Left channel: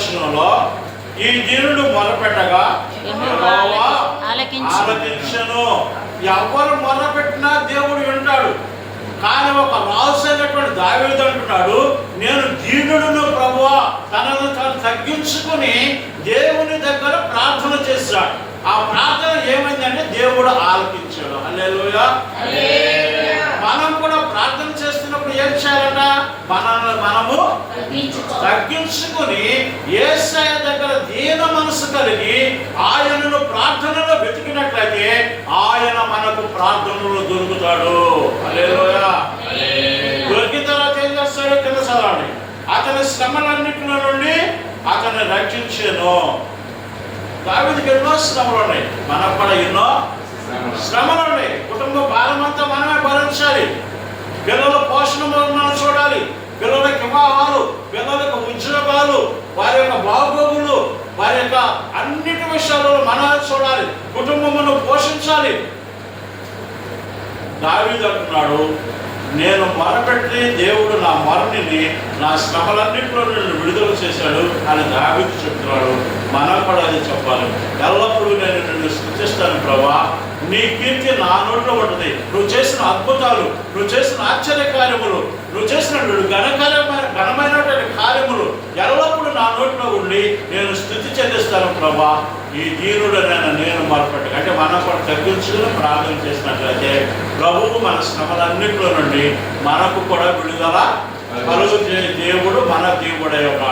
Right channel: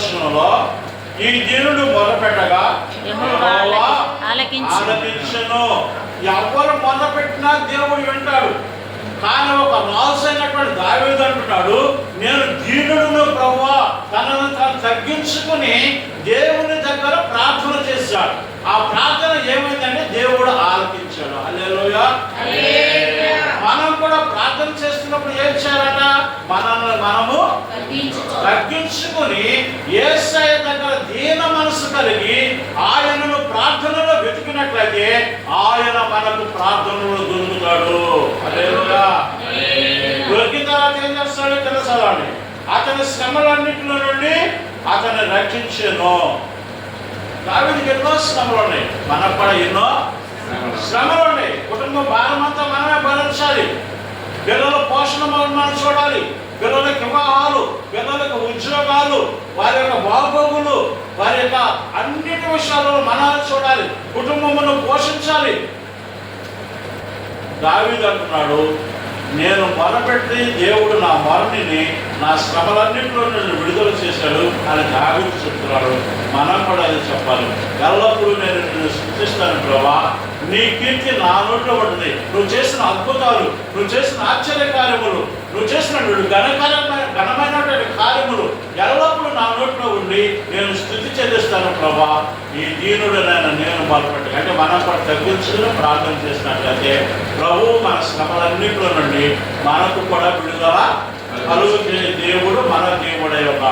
వచనంలో ఈ యెహోవా ఆలకించి. ఆలకించెను. ఎవరు మొదలుపెట్టినా దేవుడు వింటాడు. కానీ ఒక రాజు అయినటువంటి దావీదు అంటున్నాడు నేను దీనుడును ప్రభువా తనను తాను తగ్గించుకుని దేవుని దగ్గర ప్రార్థన చేశాడు. ఆ ప్రార్థన ఏమైందంటే దేవుడు ఆలకించాడు. మనం కూడా ప్రార్థన చేస్తున్నప్పుడు ఏం చేయాలట? మనల్ని మనము తగ్గించుకుని ఏసయ్య దగ్గర దీన మనసు కలిగి ఆయనను ప్రార్థనలో వెతికినట్లయితే ఆయన మనకు ప్రార్థనలో దొరుకుతాడు. దొరికిన తర్వాత ఏం చేస్తాడు చదవండి అతని శ్రమలన్నింటిలో నుండి అతన్ని రక్షించాను. దావిదికి ఎన్నో శ్రమలు ఉన్నాయి. మనకు కూడా ఎన్నో శ్రమలు ఉన్నాయి. కుటుంబ భారం అంతా మనమే భరించాలి. పిల్లల పోషణ మనం చూడాలి. పిల్లలకి వివాహాలు పిల్లలకి ఉద్యోగాలు వారి యొక్క బాగోగులు వారి యొక్క అన్నిటి విషయాలలో మనం చూడాలి. కుటుంబమును పోషించాలి. దావీదు అంటున్నాడు నేను మొరపెట్టి దేవుడు నా మరణిని నా శ్రమలన్నింటిలో నన్ను విడుదల చేశాడు అని దావీదు చెప్తున్నాడు. మనం కూడా అది చెప్పాలి. ఎల్లప్పుడూ నేను నిన్ను సృష్టిస్తాను. నీ కీర్తి నా నోట్లో పడుతుంది. నువ్వు చేసిన అద్భుతాలు నువ్వు చేసిన ఆశ్చర్య కార్యములు నువ్వు చేసిన ఘనకార్యమైన ఘనమైనటువంటి కార్యములు ఎల్లప్పుడూ నా నోట్లో ఉండి నేను స్థుతి చెల్లిస్తాను ప్రభా. ఈ దీనుడనైన నేను మార్పట్టు అంటే మనం కూడా తగ్గించుకుని ప్రార్థన చేసినట్లయితే ప్రభు మన శ్రమలన్నింటిలో నుండి మనకు కూడా విడుదల కలుగు దేవుడు మన దేవుడై ఒక